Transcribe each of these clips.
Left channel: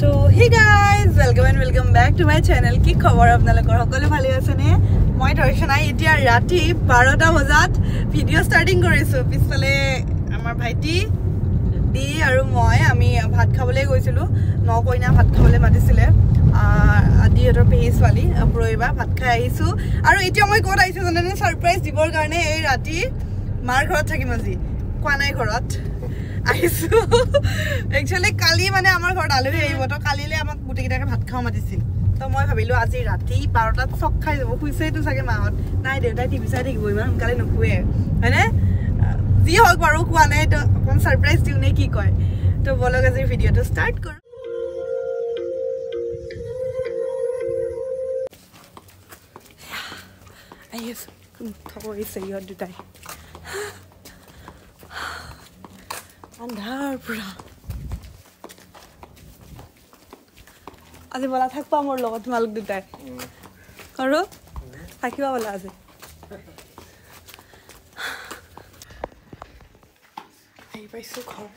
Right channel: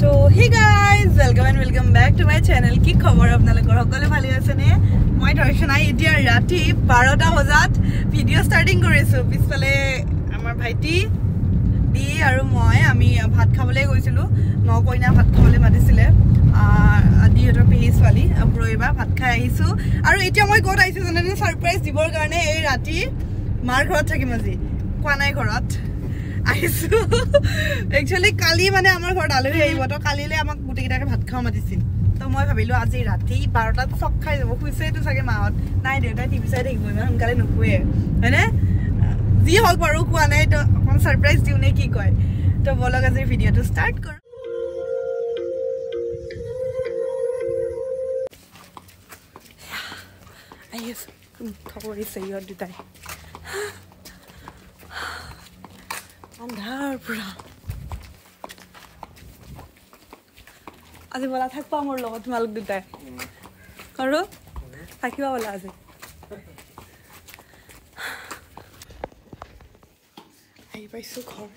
तो hey guys, welcome back to my channel. কি খবৰ আপোনালোকৰ সকলো ভালে আছে নে? মই দৰ্শনা এতিয়া ৰাতি 12টা বজাত ভিডিও স্টাৰ্টিং কৰিছো। পিছফালে আমাৰ ভাইটি দি আৰু মই আমি ভাত খাবলৈ গৈছিলো। নকইনা ভাত খাবলৈ মাতিছিলে। আদিহতৰ পেহী ছোৱালী আপুৰইবা ভাত খাই আহিছো। আৰু এতিয়া মই ক'ত আহিছো জানেনে? সাৰপ্ৰাইজ দিবৰ কাৰণে এই ৰাতি মাৰ ঘৰত থাকিম আজি। কোৱা নাই ঘৰত আহিছো। একচুয়ালি কালি মানে আমাৰ ঘৰত আলহী আহিব তো কালিলে আমাক গুটিকেইটাকে ভাত খাও মাতিছিল। তো মই ভাবিলো আজি ৰাতি 12টাত চক খাই যাব। খুইছেটো চাগে মাহত নাই দেউতাই টিভি চাই থাকিব ইমান সোনকালে নুখুৱে হয়নে? যি হওক বাৰু কোৱা নাই তো অকণ সাৰপ্ৰাইজ দিও নে কি কয়। তো বলক আজি ভিডিওটো ষ্টাৰ্ট কৰো। আইছ থৰিছে ইহঁত দুটাই আন্ধাৰ পুৰা। আজি বলা থাকবা মোৰ লগত তোমালোক দুটাই আৰু থাকিবা বলা আজি। আহি পাইছো ঘৰ।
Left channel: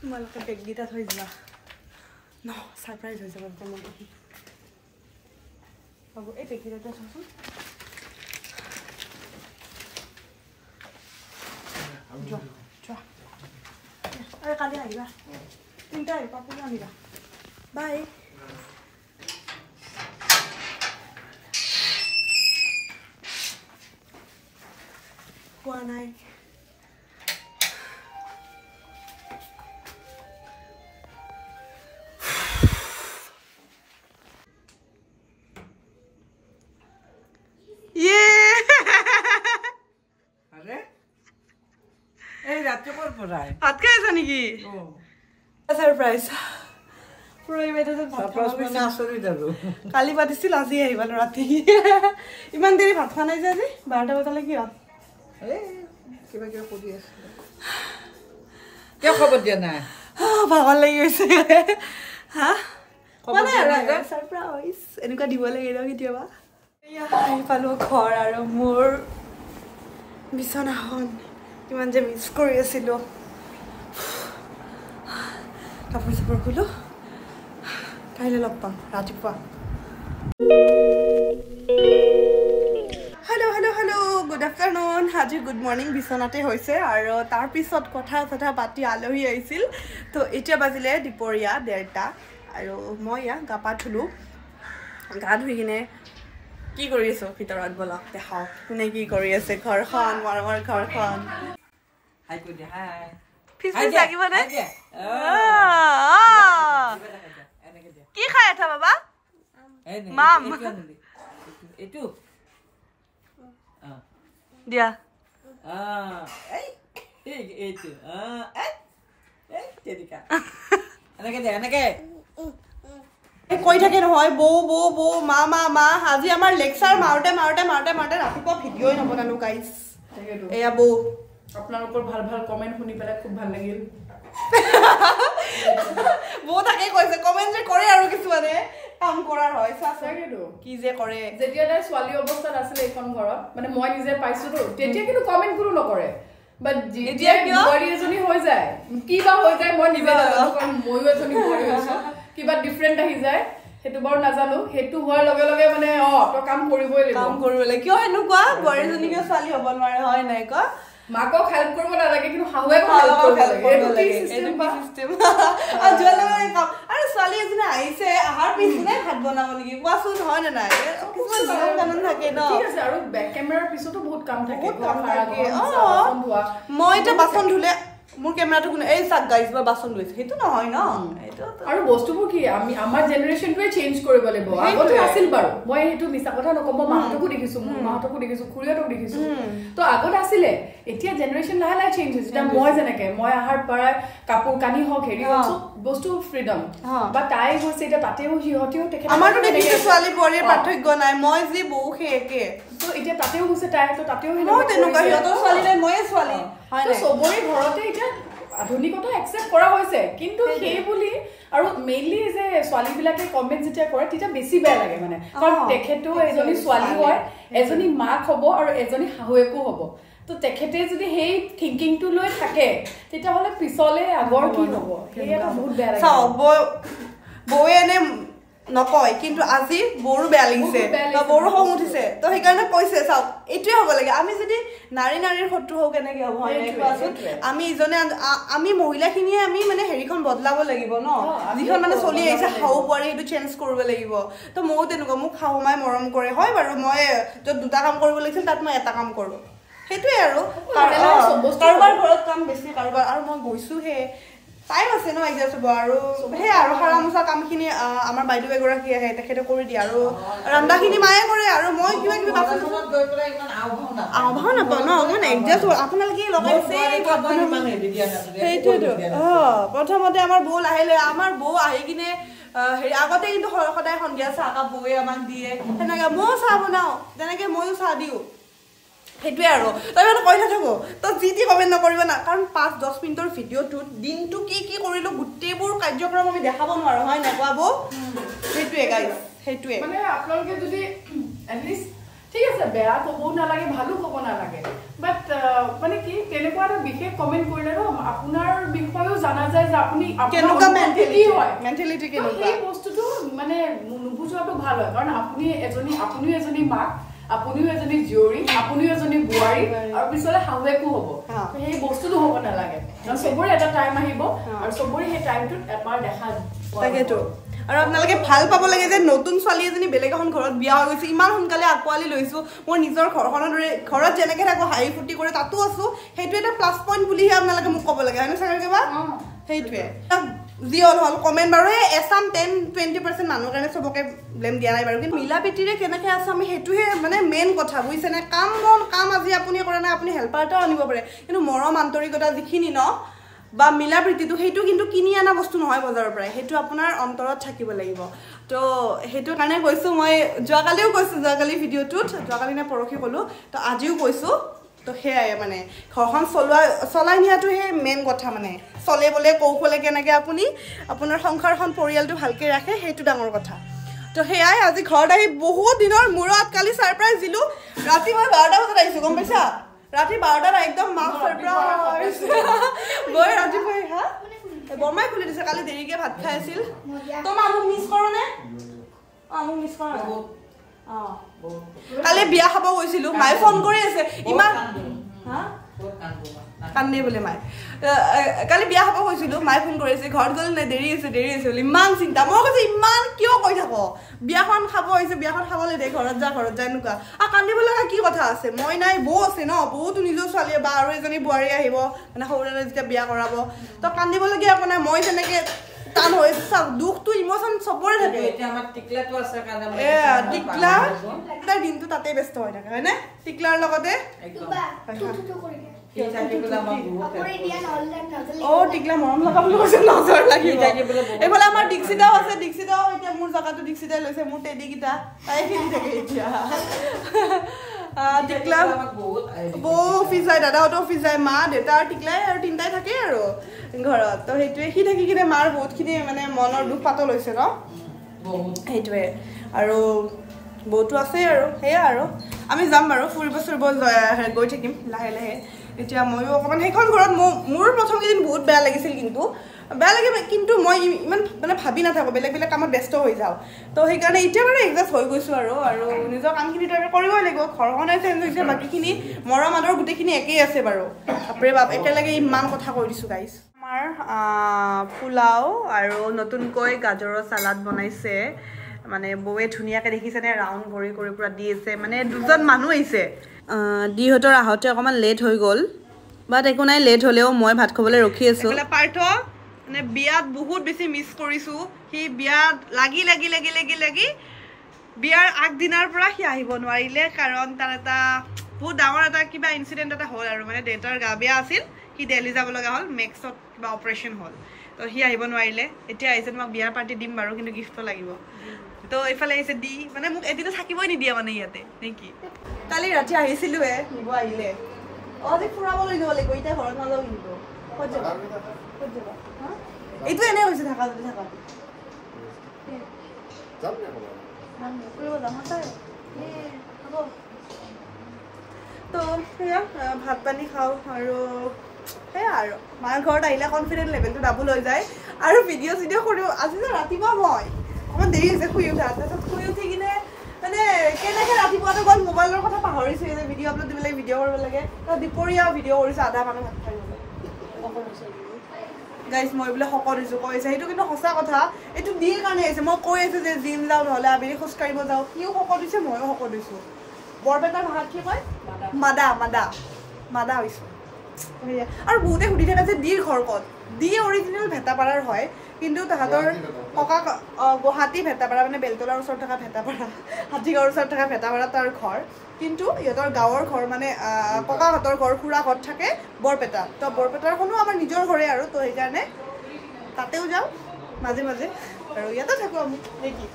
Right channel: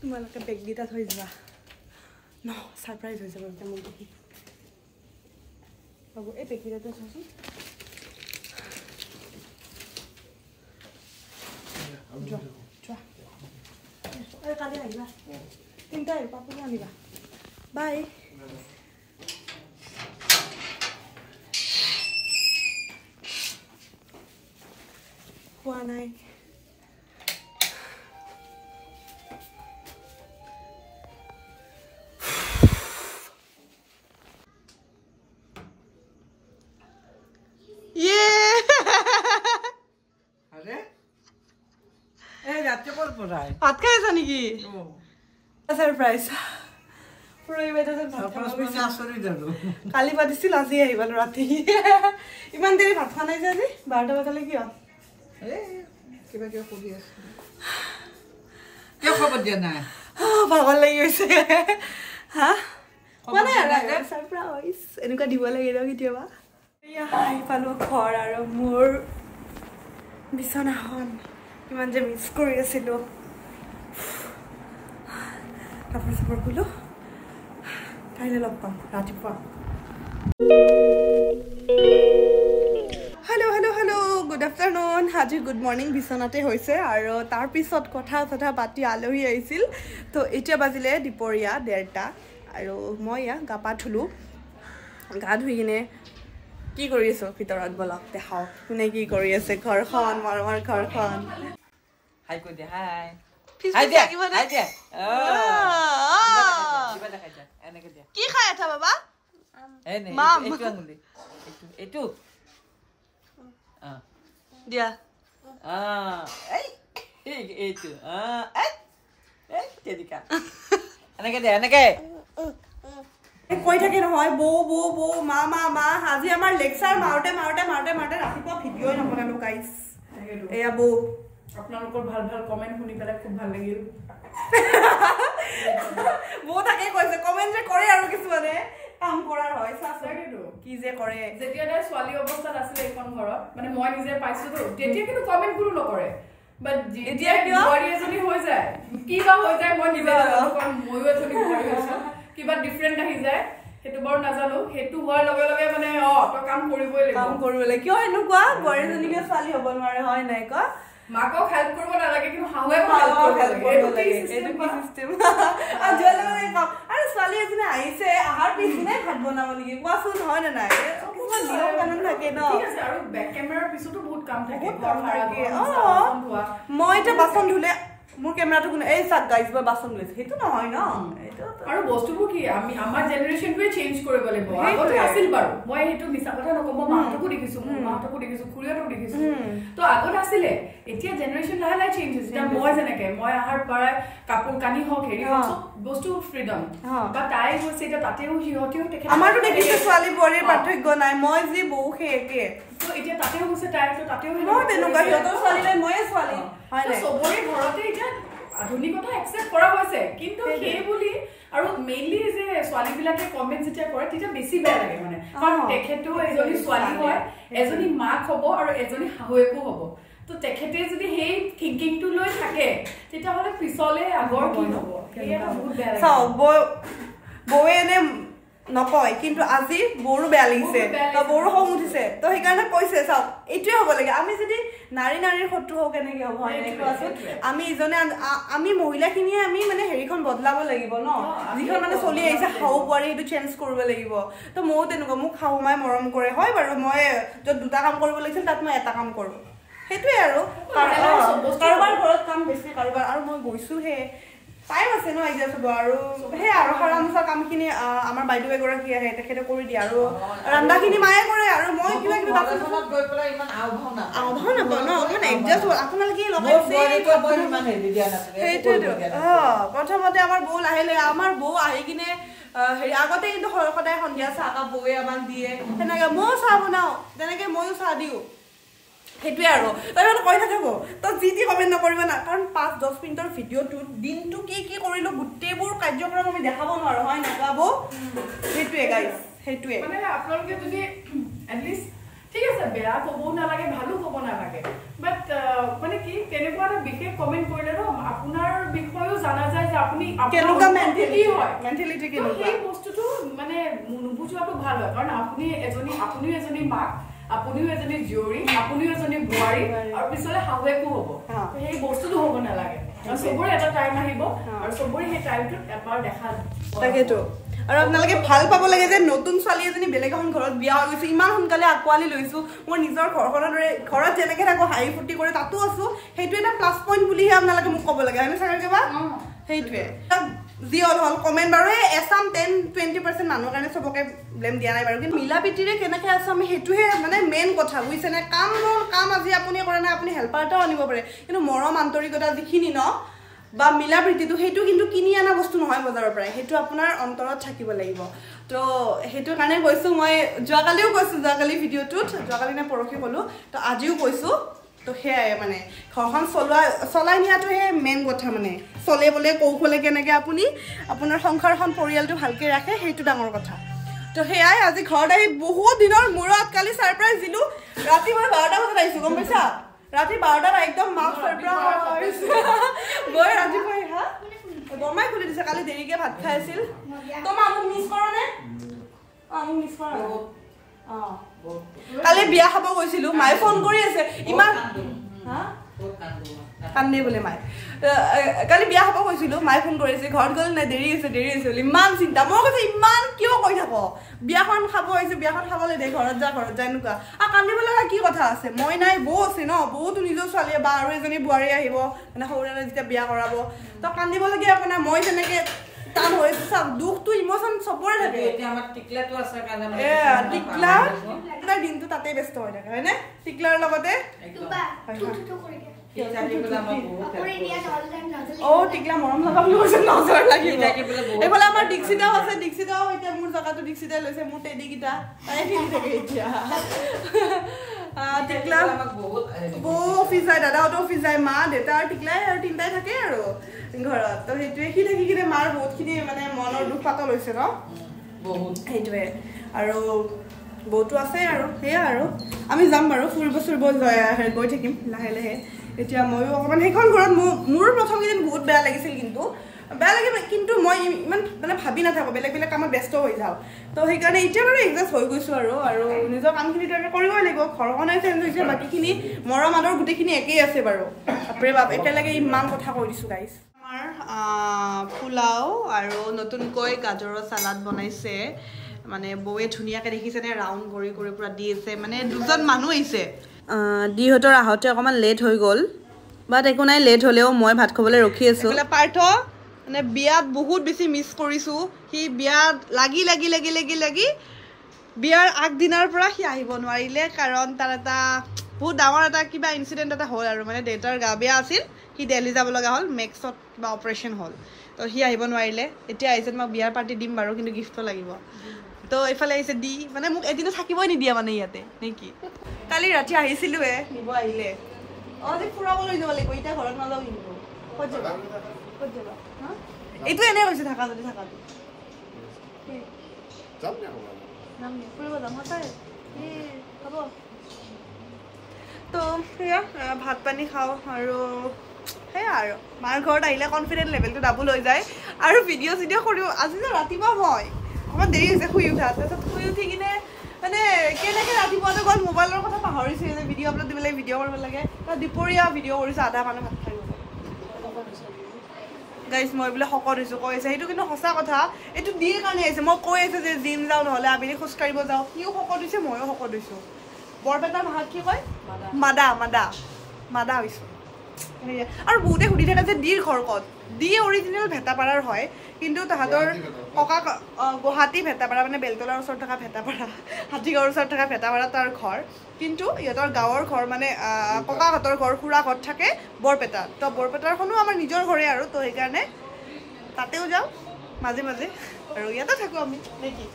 তোমালোকে বেগকেইটা থৈ দিবা ন সাৰপ্ৰাইজ হৈ যাব একদম হ'ব। এই বেগকেইটাতে থোৱাচোন। अरे काली आइबा तीनटा आइबा पापू आनिबा बाय हुआ नाइ ये अरे रात को पढ़ाई भात खाই আছা নেকি? সারপ্রাইজ কালি পাতিছিল আজি আহিবা ৰাতি। ইমান দেৰি ভাত খোৱা নাই যে আজি 12টা বজালে কি হ'ল? কিবা কিবা কৰি আছে কিয় খবৰ দিয়া নাই? ভাগৰ লাগি গৈছে হা মানে সাৰপ্ৰাইজ এনেকুৱা দিব লাগে ন কেতিয়াবা। এয়া আহি পালো ঘৰ আৰু মোৰ বিছনাখন কিমান যে মিছ কৰি আছিলো। কাপোৰ চাপোৰ খুলো কাইলৈ লগ পাম ৰাতিপুৱা। Hello' hello' hello' good afternoon. আজি গুড মৰ্ণিং বিচনাতে হৈছে আৰু তাৰপিছত কথা পাতি আলহী আহিছিল। তো এতিয়া বাজিলে দুপৰীয়া 1:30 আৰু মই ইয়া গা পা ধুলো। গা ধুই কিনে কি কৰি আছো ভিতৰত বলক দেখাও কোনে কি কৰি আছে। ঘৰখন মৰমৰ ঘৰখন হাই কই দে হাই ফিস ফিস লাগিব না কি খাই আছা বাবা? মাম এটু দিয়া এই এটু এই তেদিকা এনেকে দে এনেকে কৈ থাকে নহয় বৌ বৌ বৌ মা মা মা। আজি আমাৰ লেকচাৰ মাৰতে ৰাতিপুৱা ভিডিঅ'ই নবনালো গাইছ। এয়া বৌ আপোনালোকৰ ভাল ভাল কমেন্ট শুনি পেলাই খুব ভাল লাগিল। বৌ তাকে কৈছে কমেন্ট যে কৰে আৰু কিছুমানে কাম কৰাৰ হয় চাচেটো কি যে কৰে। যেতিয়া তাই ছোৱালী অৱস্থাত আছিল এখন ঘৰত মানে মই নিজে পাইছো তো তেতিয়া কিন্তু কমেন্ট কোনো নকৰে। বাট যেতিয়া বোৱাৰী এজনী হৈ যায় কিবা হৈ যায় মই নিজে নাজানো কাৰণ ময়ো এজনী বোৱাৰী হৈছো কিবা ডিফাৰেণ্ট আহি যায় সেইটো বাৰু নাজানো। সেইটো হোৱাৰ লগে লগে মানে তো কাম কৰিবই লাগিব। কিয় এনেকুৱা বোৱাৰীজনীকে ছোৱালী হ'ব নোৱাৰে হয় নাই ক? মাকক হেল্প কৰিব নালাগে কিন্তু শাহুৱেক আৰু ছোৱালী এজনী আহিছে আহাৰ পিছনে ভাত বনাব নেকি কোৱাচোন হয় নে নাই? কিছুমান নিয়ম কানুন থাকে ন। আৰু বেক কেমেৰাৰ পিছতো বহুত কাম থাকে। মই এতিয়া বাচন ধুলে মোৰ কেমেৰাটো কোনে এই চাক গাইজ বা বাচন ধুইছে সেইটো নহয় ন। আৰু বস্তুবোৰ কি আমি আমাৰ জেনেৰেশ্যনটোৱে চেঞ্জ কৰিব লাগিব। আগতে আছিল বাৰু মই সেইটো মিছা কথা নকম। মাহঁতকো দেখিছো মাহঁতকো দেখিছো খুৰীহঁতক দেখিছো তো আগত আছিলে। এতিয়া জেনেৰেশ্যন লাহে লাহে চেঞ্জ হৈছে। এতিয়া মই যেনেকে মই আহাৰ পৰা কাপোৰ কানি হওক হেৰি চব বস্তু ফ্ৰীডম বা তাই হৈছে এতিয়া তাতেও সিহঁতেও আমাৰতো দেখিছো ছোৱালী বোৱাৰীৰ পাৰ্থক্য নাই। মই যি বৌ সেই একে তো এতিয়া তাতেও হৈছে তাই তাতেও তেনেকুৱা সিহঁতৰ ছোৱালী নাই ময়ে ছোৱালী চবৰে ঘৰতে এতিয়া আধুনিকতা একচেপ্ট কৰা হৈছে। কিন্তু সেই বুলি আৰু মেইনলি যে ছোৱালীবিলাকে কমেন্ট যেতিয়া কৰে তেতিয়া বেছি বেয়া লাগে মানে কাৰণ তেখেতেও এজনী ছোৱালী হয় এজনী মাক হ'ব আৰু এজনী শাহুৱেকো হ'ব। তো তেখেতে যদি সেই থিংকিংটো লৈ থাকে তেতিয়াহ'লে পিছলে আগৰ কি হ'ব সেয়া বহুত বেয়া লাগে চাওক বৌয়ে এনে নকয় কিন্তু আজি বৌৰো বেয়া লাগিছে বৌৰো খং উঠিছে তো সেইকাৰণে কৈছে চাওক এইটোৱে হ'ব লাগে আমি যদি নাৰীৰ শত্ৰু হওঁ কেনেকে হ'ব আমি ইজনে আমি মহিলাখিনিয়ে আমি মানে হেৰিখন বদলাব লাগিব ন যিখন মানে চলি আহিছে শাহু বোৱাৰী সেইটো চেঞ্জ কৰিব লাগিব তো ময়ো তেনেকুৱা মোক শাহু মায়ে মৰম কৰে হয় বাৰু মই য'ত দুটা কাম কৰিব লাগিছিল তাত মই এটা কাম কৰোঁ সেইটোৱে আৰু কাৰোবাৰ ঘৰত কাম বেছি কাৰোবাৰ আৰু মই গৈছোহে টাইম আছে ন এডজাষ্ট হ'ব আৰু সেই আৰু সাৰা মোচা কামখিনি আমাৰ বাইদেউ এগৰাকী আহে তেখেতে কৰি দিয়ে আৰু ৰন্ধাখিনি মায়ে কৰে আৰু মই কিবা কিবি বাচন গৈ পেলাই ইমান আওভাও নাপাওঁ ন অকণমান এডজাষ্ট হ'ব আপোনালোকে লগাইছে সেইটোৱেতো প্ৰথমতে আমাৰ বৌ লাহে আমাৰ বৌ আহি কিনে হেৰি আগতে কিন্তু সদায় সন্ধিয়া চাহকাপ বৌৱে আমাক দিয়ে সেনেকে ময়ো চাহ বনাওঁ তেনেকে ময়ো চাহ দিওঁ সেইটোৱে আৰু তই মানে কৈ নাথাকো তই যি কমেণ্ট নকৰিব না কাৰণ 5-10 মিনিটৰ ভিডিঅ'টোত দিনটো কি কৰিলো গোটেইবোৰ কাৰ্যক্ৰম আমি দেখাব নোৱাৰো হয় নাই কোৱা বৌ সেইটোৱে গাইজ সেইটোৱে মানে আপোনালোকে যদি এটলিষ্ট ঠিক আছে বেয়া ক'বও নালাগে ভালো ক'ব নালাগে বাট মানে কি তেনেকুৱা এটা বিশেষ কমেণ্ট কৰিলে ন আপোনাৰ বিষয়েও জানা যায় যে আপুনি কেনেকুৱা মেণ্টেলিটি কেনেকুৱা এই বস্তুটো মানে নুবুজোৱাটো ভাল হয় কাৰণ আপুনিও এজনী মাক আপুনিও এজনী জীয়ৰী আপুনিও এজনী বোৱাৰী আৰু পিছলে শাহুৱেকো হ'ব সেই বস্তুটো হ'ব নালাগে কাৰণ চবৰে এটা টাইম আহিব আৰু চবৰে সেই টাইমটোত এবাৰ দেখা তাকেতো আৰু আপোনালোকে ভাল পাব লাগে যে নতুন ছোৱালী এজনী বেলেগ এখন ঘৰত বিয়া হৈ গৈছে ইমান সোনকালে আকোৱালি লৈছো মোৰ নিজৰ ঘৰখনৰ দৰে ঘৰত যেনেকে থাকো হাঁহি ফূৰ্তি কৰি তাতো আছো সেইটো এটা প্লাছ পইণ্ট বুলিহে আপোনালোকে মোক ক'ব লাগে হয়নে চাগে কিবা সেইটোৱে যি হল কমেণ্ট বাৰু এছাম 10-20% মানুহৰ কাৰণে চবকে ব্লেম দিয়া নাই বাৰু কিন্তু মিলা প্ৰীতিৰে কেনেকে আছে আমি সেইটোহে মানে মেইন কথা বুজিছেনে কাম আজি আপুনি কৰে নাই আপুনি হেল্পাৰ এটাও আনিব পাৰে কিন্তু মৰম আন্তৰিকতা যিখিনি ন বা মিলা প্ৰীতিটো সেইটো কিন্তু কিনি অনা বস্তু নহয় বজাৰৰ পৰা সেইটো আপোনাৰ অন্তৰত থাকিব লাগিব তো সেইটো কাৰণে কৈছো মই যোৱাকালিও কৈছো যোৱাকালি ভিডিঅ'টোত যোৱাকালি নে পৰহি ক'লো তো আজিও কৈছো তো সেয়াই মানে ঘৰখন চলাই নিয়াটোহে মেইন কথা মানে চলে বলে কৌশলে কেনেকে আপুনি আপোনাৰ সংসাৰখন পৰিয়ালটো ভালকে ৰাখে সেইটো ডাঙৰ কথা তো সেয়াই আজি ঘৰত আহি বহুত দিনৰ মূৰত কালি ছাৰপ্ৰাইজ দিলো ৰাতি মই 12টা বজাত আহিছো গম পাইছা ৰাতি 12টাত একদম মাক ছাৰপ্ৰাইজ গৈ ৰাতিপুৱা হা বৰমাই খুলি দিছে কালি দেৰিকে ভাত খাই আছিল তো মোক মিছ কৰ নে মোক মিছ কৰ কালি বিয়া খাব গৈছিলো মায়ে ফোন কৰি আছে ইমান হা কান্দে বোলে মায়ে কালি বিয়া খাব গৈছিলো মায়ে ফোন কৰিছে ঘৰত গ'ল নাই দেৰি আছে ইমান চিন্তা মই কৈছো ইমান কিয় কৈ থাক বিয়াখন খাব আহিছে বিয়াখন খাবলৈ দে ঘৰত যা এনেকুৱা আৰু কান্দিব লগা কি কথা আছে মই নাই বৌ আছে ন বৌতো নিজৰ ছোৱালীয়ে বা আৰু এজনী বোৱাৰী আহিব মানে সৰুৰে যেতিয়া বিয়া কৰাব তো কান্দিবলগীয়া আপোনাৰ মই তেনেকে টান হৈছে চাওক দুখটো ইমোচন চবৰে থাকে টিকলা দিনটো তাতে ব্যস্ত হৈ থাকে হয়নে টিকলাৰ লগতে টিকলা মৰম লগা বুলি কৈছে নজৰ লাগিব এইফালে আমাৰ দীক্ষিতাও আছে দীক্ষিতাও এতিয়া মোৰ জেগাটো দীক্ষিতাই লৈছে মোৰ টেডিকেইটা তাই খেলি থাকে এতিয়া টিকলা বৌ অফিচ যায় দাদাহঁতো অফিচ যায় মা দেউতা আৰু টিকলাই আৰু তিনিটাই থাকে আৰু ঘৰত তো সেইটোৱে সি থাকি কিনে মাৰ বহুতখিনি মানে মনৰ দুখ পাতল হৈছে ন সেইটোৱে আৰু বৌটো আছে আৰু সেয়া আৰু আমি যাম বাৰু ফুৰিব গৈ থাকিম লাহে লাহে এতিয়া ময়ো অকণমান সেইখন ঘৰত মোৰ প্ৰথম কেইদিন বহুত বেয়া লাগিছিল কিন্তু মই ইমান মানে ভাবি নাথাকো বেলেগ কামত ব্যস্ত হৈ যাওঁ তো সেইকাৰণে এতিয়া বাৰু এডজাষ্ট হৈ গৈছো আৰু নিজৰ কামখিনিতো আমি কৰিবই লাগিব ঘৰখনে চেঞ্জ হৈছে বাকীখিনি মৰম আদৰ গোটেইখিনি একেই আছে বাৰু বাপৰে বাপ একেলগে ইমান কথা কৈ দিছো গাইজ আমাৰ পোলাও আৰু নতুনকৈ গাজৰৰ চালাড বনাইছে মানে বৌয়ে ধুনীয়াকৈ দেখিছেনে ৰাউণ্ড কৰি পুৰা দি আছে মানে দুজন মানুহ আহিছে দিহঁতৰ আহোঁতে অকণমান লেট হৈ গ'ল বাট একো নাই লেট হ'লেও মই ভাত খাবলৈ ৰখি আছোঁ পাৰ্থ মানে বিয়াত বহুত বেছি মিছ কৰিছোঁ সি বিয়াত লাগি বিয়াৰ আগদিনাৰ পৰা সি আহিব নোৱাৰিলে কাৰণ তাৰ এটা বহুত ডাঙৰ এটা কিবা ইনচিডেণ্ট এটা হ'ল আৰু মানে দেউতাৰ গা বেয়া আছিল সি দিল্লী যাব লগা হ'ল মেক্সত কিবা অপাৰেশ্যন হ'ল তো সি আহিব নোৱাৰিলে এতিয়া আহিছে মই বিয়াৰ পাৰ্টি দিম বাৰু কিন্তু গিফ্টটো লাগিব তো এইফালে আহিছে দি মানে মোক এদিনো থাকিবই নিদিয়ে মানে ইয়াতে নেকি কালি ৰাতি আহিছিলোৱে নিব আহিলে আজি ফুৰাব লৈ যাব লাগিব এতিয়া ঘৰত নাযাওঁ কিন্তু ক'ত যাবা হা এইটো এনে হৈছে থাকা যদি ফুৰিব যাম সঁচাই হ'ব তো সেয়া ভাত পানী খাওঁ আৰু সেয়া আৰু মাৰ ঘৰত আহিলে কনফিডেন্ট লেভেলটো ডাবল হৈ যায় আৰু ভিডিঅ' চিডিঅ' কৰিও আজি যে ৰাতিপুৱা মই অকণমান দেৰি হৈছে শুই উঠা তাৰপিছত শুই উঠি কিনে মানে কেনেকৈ ৰাতিপুৱাটো গ'ল মোবাইলৰ কথা পাহৰিছে যে ভিডিঅ' আপলোড দিব লাগে ভিডিঅ' কৰিব লাগে দুপৰীয়া ভিডিঅ' কৰিছোঁ আধা মানুহ ভাত খাই গৈছে গাইজ মই বোলে শকত হৈছোঁ কৈ আছে সেইটো কিন্তু সঁচা কথা এইটো দিয়ে কাৰণে আহিছে মই কৈ আছোঁ যে জিম যাওঁ নহ'লে আবেলি খোজকাঢ়িব যাওঁ সিও শকত হৈছে ময়ো শকত হৈছোঁ বৰপেটাৰ ভাষাত কি কয় মাদা মাদা মাদা হৈছোঁ সেয়া আৰু বহুতে সুধি থাকে যে ডিৰ ঘৰ ক'ত ডি অৰিজিনেল ভেটাপাৰাৰ হয় কিন্তু তাহাঁতৰ ককা গুৱাহাটী ভেটাপাৰা মানে বেলতলাৰ ওচৰত থকা ভেটাপাৰা হাতীগাঁৱৰ ওচৰত থকা ভেটাপাৰা তাৰ ঘৰ কিন্তু ইহঁতৰ গাঁৱৰ ঘৰ মানে ককাহঁতৰ ঘৰ খুৰাহঁত থাকে বৰপেটাত তো বৰপেটাৰখনো আমাৰ নিজৰ ঘৰে আৰু তো সেইকাৰণে তাতেও যাওঁ মাজে মাজে আৰু ইয়াতে থাকোঁ আমি নেকি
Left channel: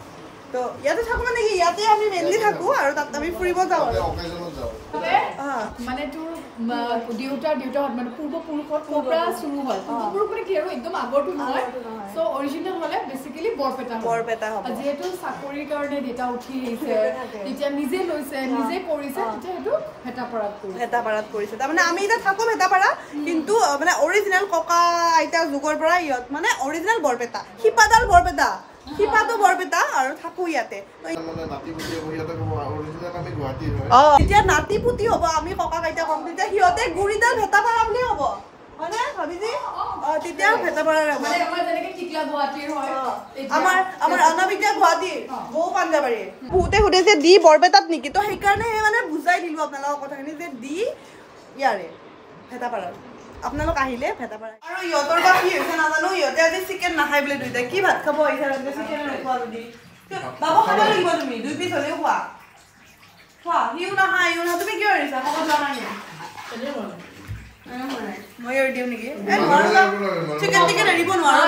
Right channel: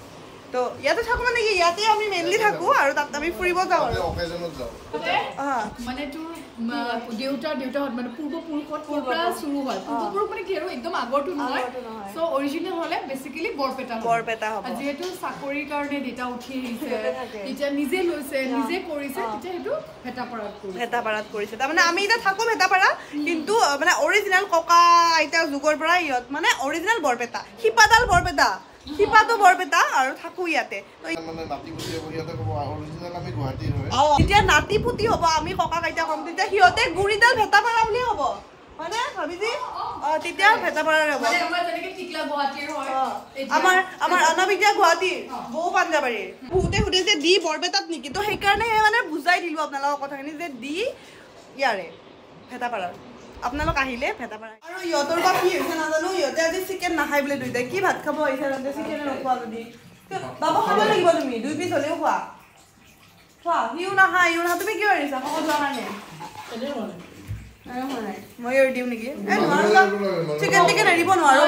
তো ইয়াতে থাকোঁ মানে কি ইয়াতে আমি মেইনলি থাকোঁ আৰু তাত আমি ফুৰিব যাওঁ আৰু মানে তোৰ দেউতাহঁত মানে পূৰ্বপুৰুষত পৰা চুৰু হয় পূৰ্বপুৰুষ মানে কি আৰু একদম আগৰটো নহয় চ' অৰিজিনেল হ'লে বেচিকেলি বৰপেটা হ'ব যিহেতু চাকৰিৰ কাৰণে দেউতা উঠি আহিছে তেতিয়া নিজে লৈছে নিজে কৰিছে তেতিয়া সেইটো ভেটাপাৰাত কৰিছে তাৰমানে আমি এতিয়া থাকোঁ ভেটাপাৰা কিন্তু মানে অৰিজিনেল ককা আইতাৰ যুগৰ পৰা ইহঁত মানে অৰিজিনেল বৰপেটা শিপাডাল বৰপেটা শিপাটো বৰপেটা আৰু থাকো ইয়াতে যেতিয়া নাতি পুতি হ'ব আমি ককা আইতা কম তেতিয়া সিহঁতে গুৰিডাল ভেটাপাৰা বুলি হ'ব হয়নে ভাবিছি তেতিয়া ভেটাপাৰাৰ হ'ব আমাৰ অনাবিদ্যা গুৱাহাটীৰ বহু পাঞ্জাবাৰী বহুতে সুধে যে দি বৰপেটাত নেকি তো সেইকাৰণে মানে বুজাই দিলোঁ আপোনালোকৰ কথাখিনি যে দি ইয়াৰে ভেটাপাৰাৰ আপোনালোক আহিলে ভেটাপাৰা আৰু ইহঁতৰ বা কি হৈছে নাজানো ইহঁতে আজি চিকেন নাখায় বোলে দুইটাই কি ভাত খাব আহিছে চিকেন নোখোৱা যদি বাবা খাব লাগিব তুমি 2 পিচ হ'লেও খোৱা খোৱা সিও নাখায় ইও নাখায় তুমি কিয় এৰিছা খবৰ লোৱা কাৰণে মই এৰি দিওঁ নেকি চিকেন টিকেন এৰিব নোৱাৰো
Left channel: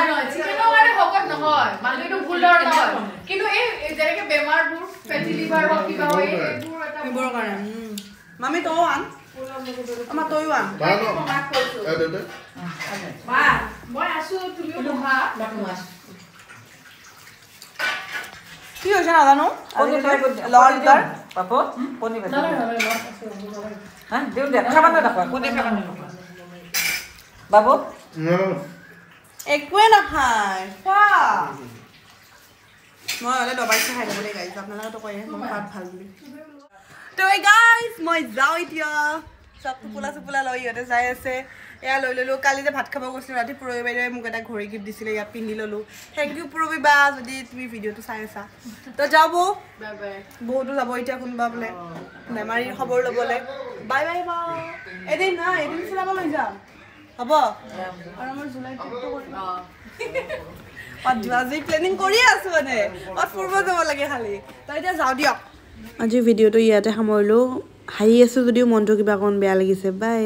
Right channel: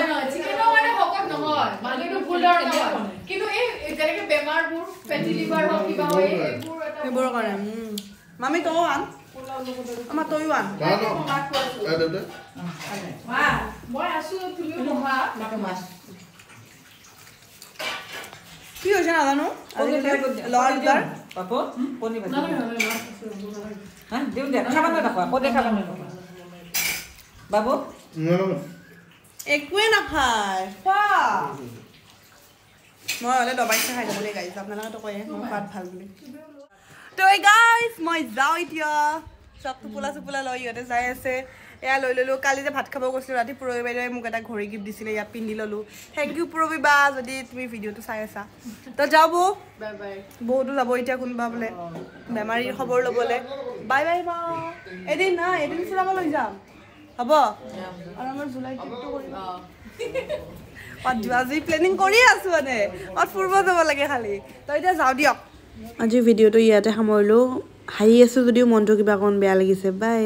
কিন্তু এই যেনেকে বেমাৰবোৰ ফেটি লিভাৰ হওক কিবা হয় এইবোৰৰ কাৰণে মামী তইও আন আমাৰ তইও আন কি হৈছে নাজানো বাবু একোৱে নাখায় খোৱা মই হ'লে দবাই খাই যাব দেই গাইছ আপোনালোকেতো কয় মই খোৱাত ভাল বুলি তো গাইছ মই যাওঁ এতিয়া চব টোপোলা লৈ ইহঁতে যাই আছে এয়া লৈ ল'লোঁ কালি যে ভাত খাব গৈছিলোঁ ৰাতি পুৰবী বাইদেৱে মোক এটা ঘড়ী গিফ্ট দিছিলে ইয়াত পিন্ধি ল'লোঁ থেংক ইউ পুৰবী বা যদি তুমি ভিডিঅ'টো চাই আছা তো যাব বহুতো যাব এতিয়া কোনোবা বোলে বেমাৰী খবৰ ল'বলৈ বাই বাই মা এদিন ফুৰাব লৈ যাম হ'ব আৰু আমাৰ জুলাই ট্ৰিপটো কৰিম আজি প্লেনিং কৰি আছোঁ মানে ফুৰিব যাব লাগে খালি তো এতিয়া যাওঁ দিয়ক আজি ভিডিঅ'টো ইয়াতে সামৰিলোঁ হাঁহি আছোঁ যদিও মনটো কিবা অকণ বেয়া লাগিছে বাই